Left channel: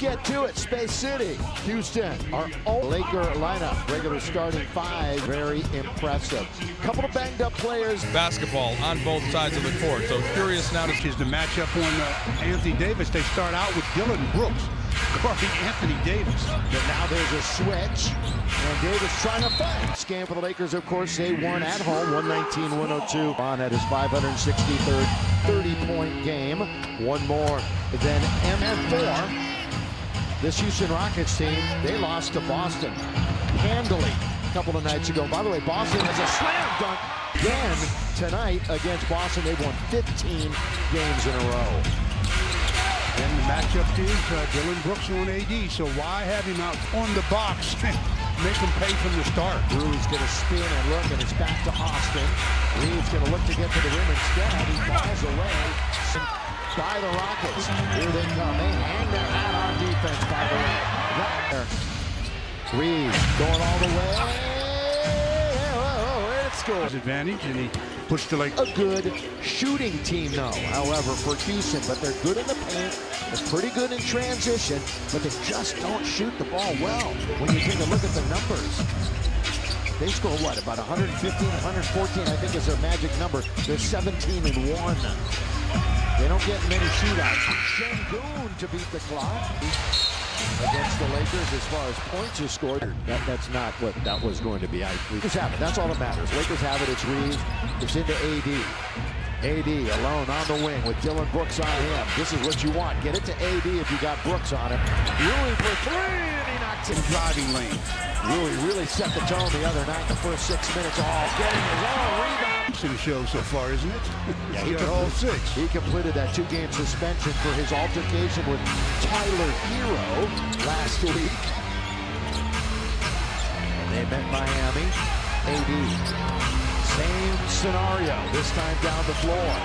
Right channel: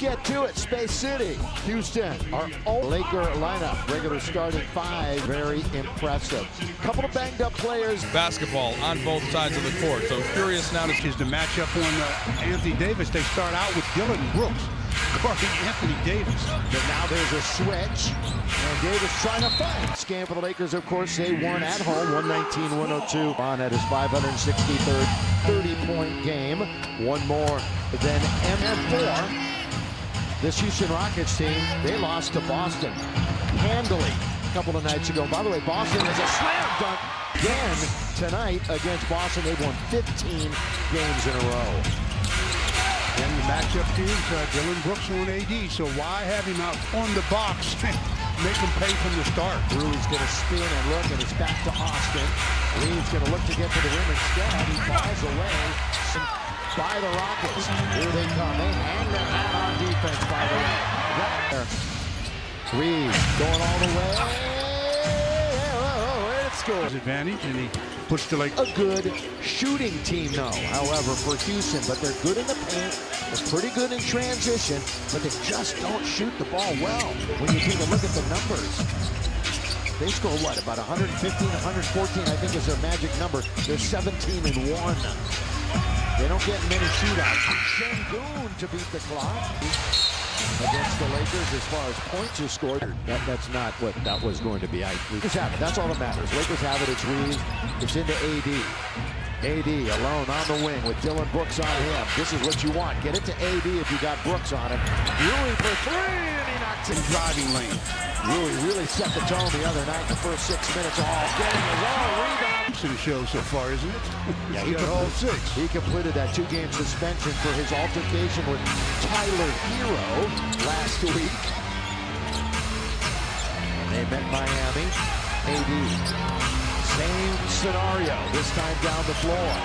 Let's get to it. Space City, Houston, our own Laker lineup. Regular starting five, very impressive. Couple of banged up players. Basketball on both sides of the court. So curious now to is the matchup on Anthony Davis. They start out with Dillon Brooks guarding Anthony Davis. But now there's a switch, and Davis trying to fight. Scan for the Lakers, of course. They won at home, 119-102. LeBron had his 563rd 30-point game. One more than M4. This Houston Rockets team, they lost to Boston handily a couple of nights ago. By the way, Boston has a slam dunk again tonight against Boston. They've won 15 games in a row. And the matchup is Dillon Brooks on AD, so why have him out on the box? Make him pay from the start. Rui's going to spin and look, and it's back to Austin. Reeves going to look to get to the rim instead. He falls away by the Rockets. Here they come. They hang their hat on defense, by the way. Reeves going all the way. Oh, it's goal. Advantage, and he puts the Lakers. A good shooting team, though, however, for Houston. But they're good in the paint. They're pretty good in transition, but they just don't shoot the ball well. When you take a look at the numbers, they score what, about 115, 114, I think is their magic number. They're 17-1. They don't get many shootouts. Şengün to beat the clock against the Lakers as far as points are scored. That's not what that was going to be. Lakers have it. That's all that matters. Lakers have it. It's Reeves. It's into AD. AD alone on the wing with Dillon Brooks on him. This is what you want. Get it to AD if you got Brooks on him. Rui for three, and he knocks it. Driving lane. Rui really set the tone the other night in the first 6 minutes. Oh, getting his own rebound. In the show so far, isn't it? Yeah, he got all six. He completed that 2-game suspension for his altercation with Tyler Hero last week. And they met Miami. AD. Same scenario, this time down the floor.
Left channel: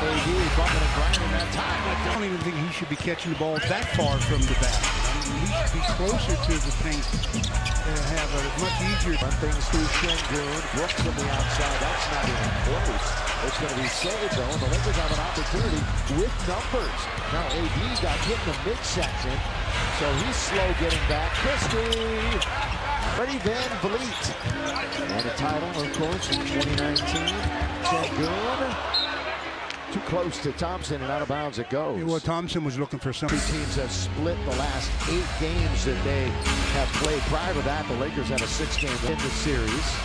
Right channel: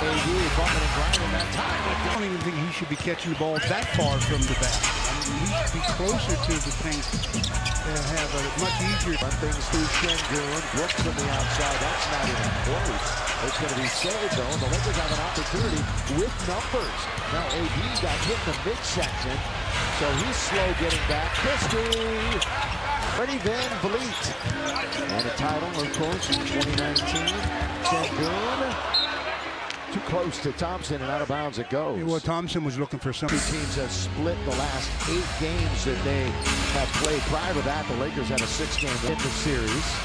AD bumping and grinding that time. I don't even think he should be catching the ball that far from the basket. I mean, he should be closer to the paint and have a much easier. Run things through Şengün. Brooks on the outside. That's not even close. It's going to be saved, though, and the Lakers have an opportunity with numbers. Now, AD got hit in the midsection, so he's slow getting back. Christie. Freddie Van Vliet. Won a title, of course, in 2019. Şengün. Too close to Thompson, and out of bounds it goes. Yeah, well, Thompson was looking for something. Two teams have split the last 8 games that they have played. Prior to that, the Lakers had a 6-game in the series.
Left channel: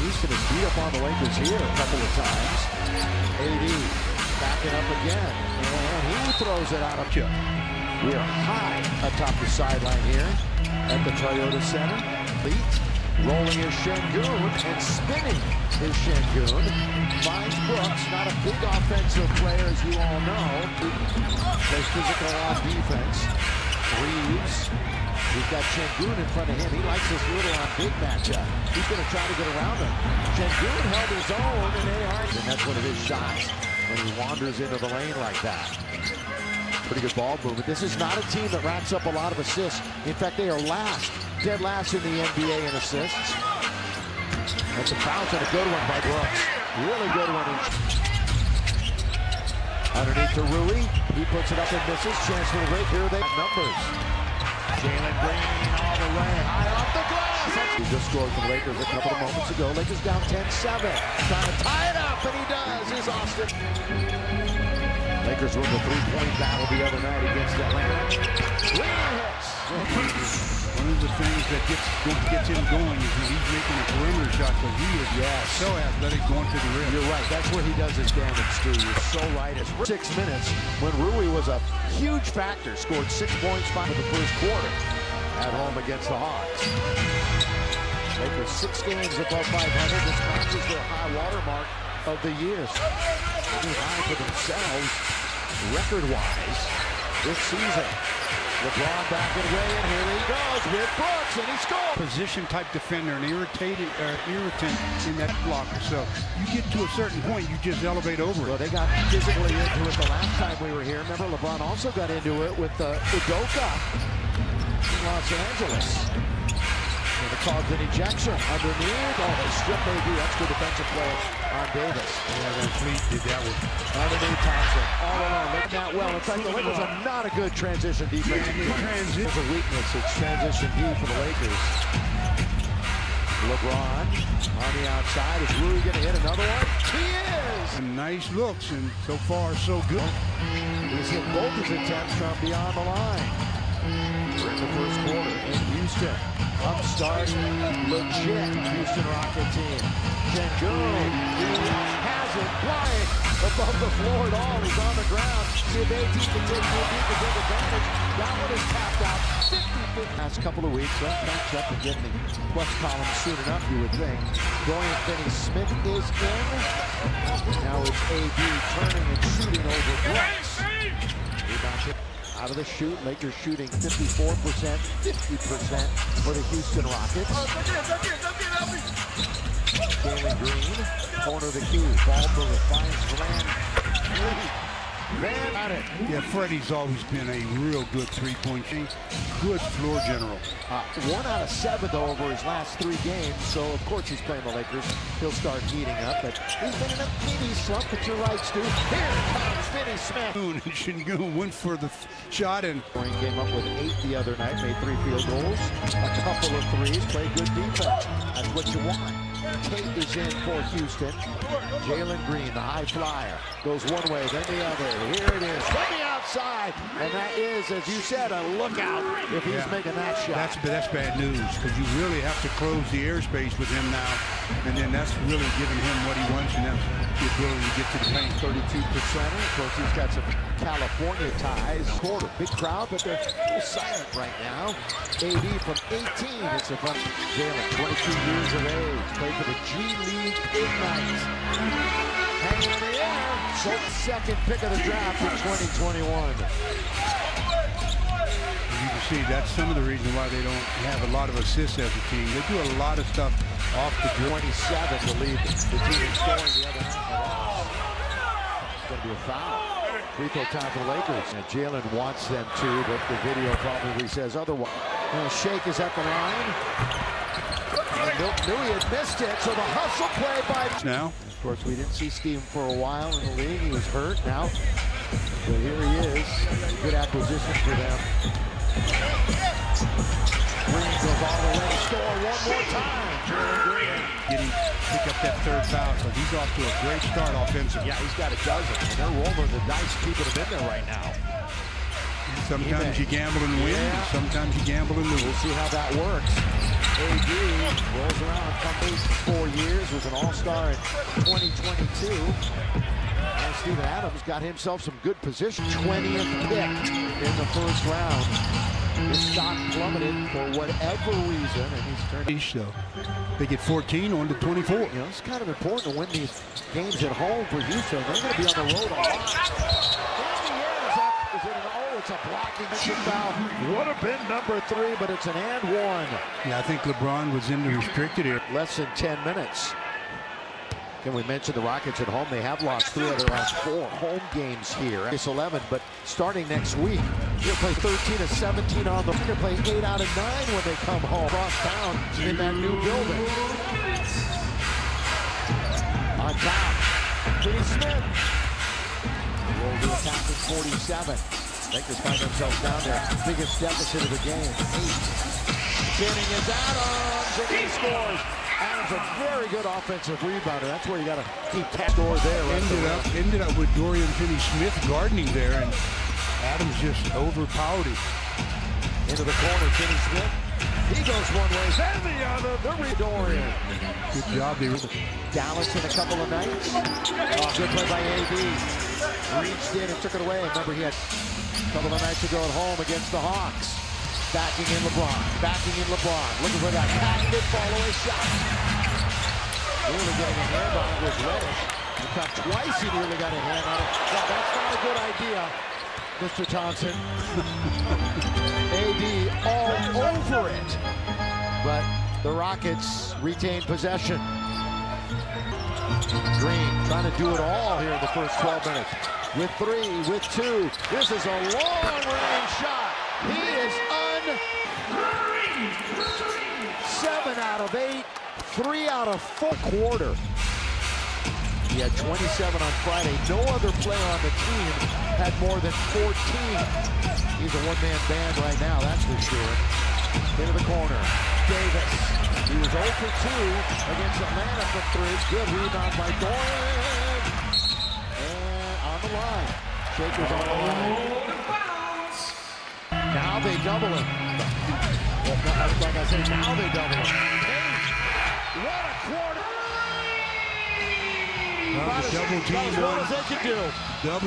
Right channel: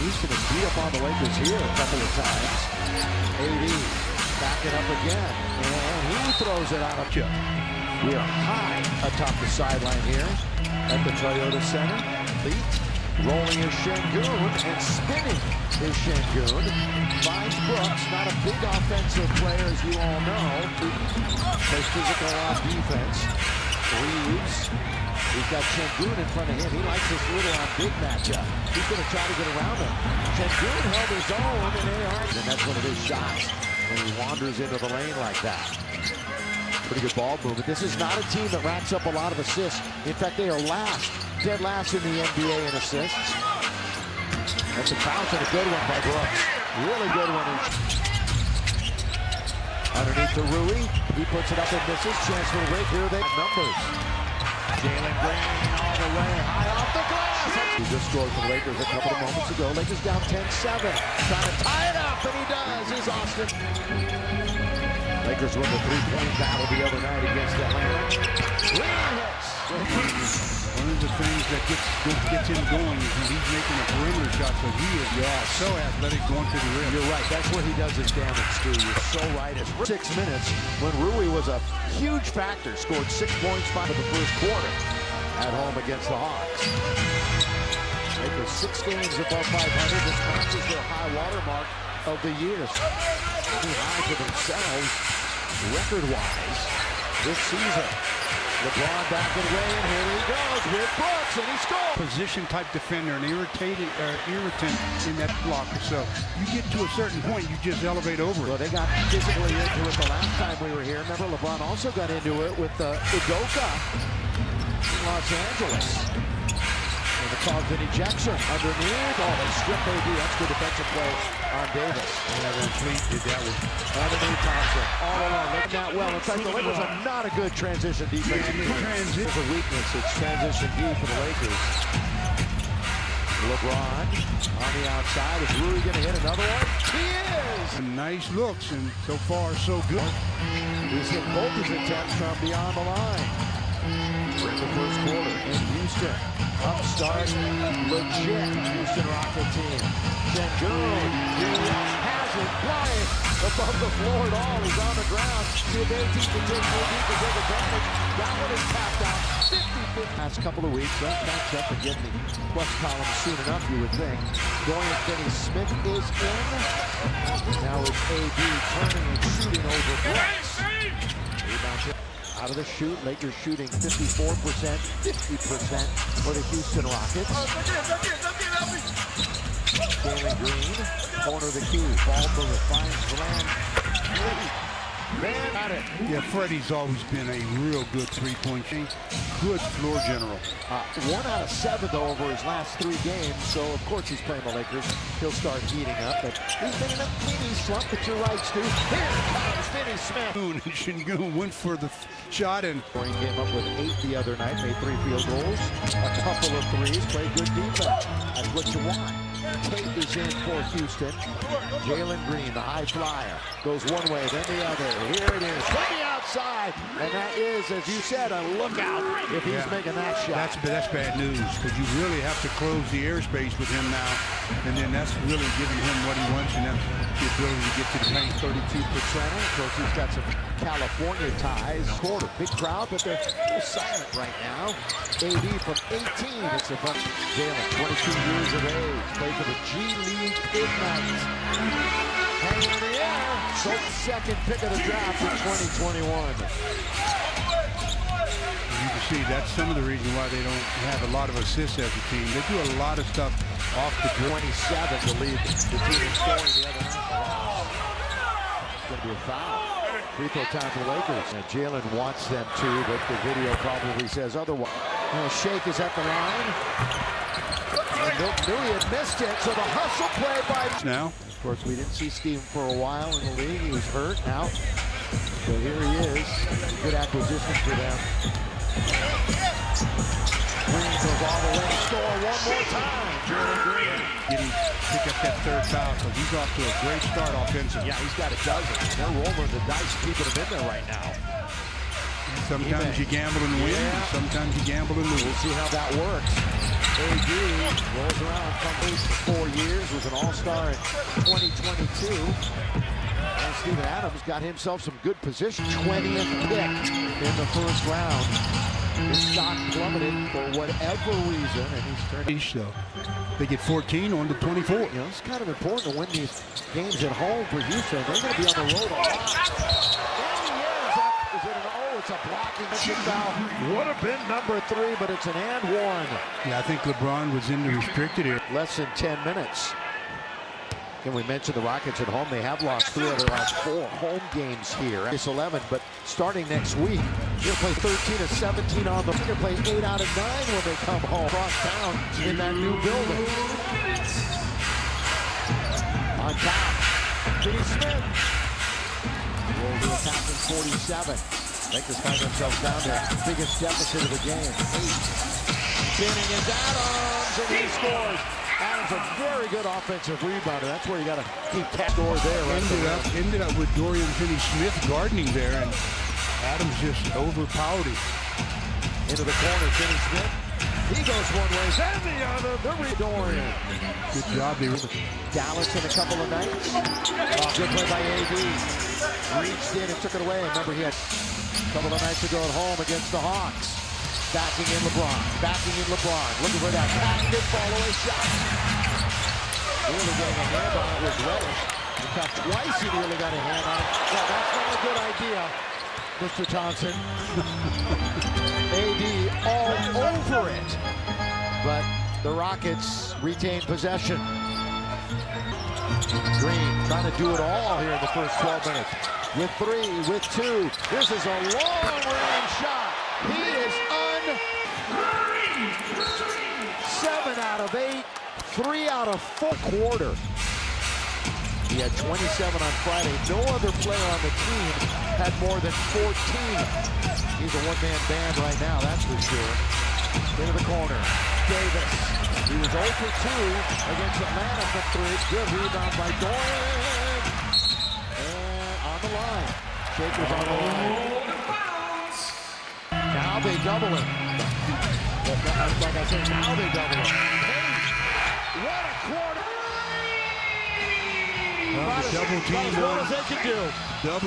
Houston has beat up on the Lakers here a couple of times. AD backing up again, and he throws it out of chip. We are high atop the sideline here at the Toyota Center. Leet rolling is Şengün, and spinning is Şengün. Finds Brooks, not a big offensive player, as you all know. Plays physical on defense. Reeves, he's got Şengün in front of him. He likes this little on big matchup. He's going to try to get around him. Şengün held his own, and that's one of his shots when he wanders into the lane like that. Pretty good ball movement. This is not a team that racks up a lot of assists. In fact, they are dead last in the NBA in assists. That's a bounce and a good one by Brooks. Really good one. Underneath to Rui. He puts it up and misses. Chance for the break. Here they have numbers. Jaylen Green all the way. High off the glass. He just scored for the Lakers a couple of moments ago. Lakers down 10-7. Trying to tie it up, and he does. Is Austin. Lakers won the 3-point battle the other night against Atlanta. Green hits. One of the things that gets him going is when he's making a perimeter shot, because he is so athletic going to the rim. You're right. That's where he does his damage, Stu. You're so right. It's 6 minutes when Rui was a huge factor. Scored 6 points for the first quarter at home against the Hawks. Lakers 6 games above 500. This matches their high water mark of the year. A new high for themselves, record-wise, this season. LeBron backing away, and here he goes with Brooks, and he scores. Position-type defender, an irritant in that blocker. So you get to a certain point, you just elevate over it. Well, they got physically into it the last time we were here. Remember, LeBron also got into it with Udoka in Los Angeles. And it caused an ejection underneath. Oh, they stripped AD. That's good defensive play on Davis. Yeah, Van Fleet did that one. Underneath Thompson, all alone, making that well. In fact, the Lakers are not a good transition defensive team. There's a weakness. It's transition D for the Lakers. LeBron on the outside. Is Rui going to hit another one? He is! Nice looks, and so far, so good. He's hit both his attempts from beyond the line. We're in the first quarter in Houston. Upstart, legit Houston Rocket team. Sengun, he has it flying above the floor at all. He's on the ground. See if AD can take advantage. That one is tapped out. 50-50. Last couple of weeks, they'll catch up and get in the plus column soon enough, you would think. Dorian Finney-Smith is in. Now it's AD turning and shooting over Brooks. Rebound tip. Out of the shoot, Lakers shooting 54%, 50% for the Houston Rockets. Jaylen Green, corner of the key. Ball mover finds Van. Van got it. Yeah, Freddie's always been a real good three-point shooter. Good floor general. 1 out of 7, though, over his last 3 games. So, of course, he's playing the Lakers. He'll start heating up. But he's been in a mini slump, but you're right, Stu. Here comes Finney-Smith. Sengun went for the shot, and Green came up with 8 the other night, made 3 field goals, a couple of threes, played good defense. That's what you want. Tate is in for Houston. Jaylen Green, the high flyer, goes one way, then the other. Here it is from the outside, and that is, as you said, a lookout if he's making that shot. That's bad news, because you really have to close the airspace with him now, and then that's really giving him what he wants, and that's the ability to get to the paint. 32%. Of course, he's got some California ties. Quarter, big crowd, but they're a little silent right now. AD from 18. It's a fun. Jaylen, 22 years of age, played for the G League Ignite. Hanging in the air. So second pick of the draft in 2021. You can see that's some of the reason why they don't have a lot of assists as a team. They do a lot of stuff off the dribble. 27 to lead the team in scoring the other night in the loss. It's going to be a foul. Free throw time for the Lakers. And Jaylen wants them to, but the video probably says otherwise. Shake is at the line. And Milt knew he had missed it, so the hustle play by... Now, of course, we didn't see Steve for a while in the league. He was hurt now. But here he is. It's a good acquisition for them. Green goes all the way to score one more time. Jaylen Green. Pick up that third foul, because he's off to a great start offensively. Yeah, he's got a dozen. And they're rolling the dice, keeping him in there right now. Sometimes you gamble and win, and sometimes you gamble and lose. We'll see how that works. AD rolls around, comes for 4 years, was an all-star in 2022. And Steven Adams got himself some good position. 20th pick in the first round. His stock plummeted for whatever reason, and he's turned. So they get 14 on to 24. You know, it's kind of important to win these games at home for Houston. They're going to be on the road a lot. In the air, is it an it's a blocking foul. Would have been number 3, but it's an and 1. Yeah, I think LeBron was in the restricted area. Less than 10 minutes. Can we mention the Rockets at home? They have lost 3 of their last 4 home games here. It's 11, but starting next week, they'll play 13 of 17 on the. They'll play 8 out of 9 when they come home. Across town in that new building. On top, Finney-Smith. Roll to attacking 47. Lakers find themselves down there. Biggest deficit of the game. 8. Spinning is Adams, and he scores. Adams, a very good offensive rebounder. That's where you got to keep that score there. Right ended up with Dorian Finney-Smith guarding there, and Adams just overpowered him. Into the corner, Finney-Smith. He goes one way, then the other. The Dorian. Good job. Dallas in a couple of nights. Oh, good play by AD. Reached in and took it away. Remember, he had a couple of nights ago at home against the Hawks. Backing in LeBron. Looking for that patented fall-away shot. Nearly getting a hand on it was Reddish. In fact, twice he nearly got a hand on it. No, that's not a good idea, Mr. Thompson. AD all over it. But the Rockets retain possession. Green trying to do it all here in the first 12 minutes. With 3, with 2. This is a long-range shot. He is 7 out of 8, 3 out of 4 quarter. He had 27 on Friday. No other player on the team had more than 14. He's a one-man band right now, that's for sure. Into the corner. Davis. He was 0 for 2 against Atlanta from 3. Good rebound by Doran. And on the line. Shaker's on the line. Now they double him. Like I say, now they double him. Page. What a quarter. The double team as well as they can do. Double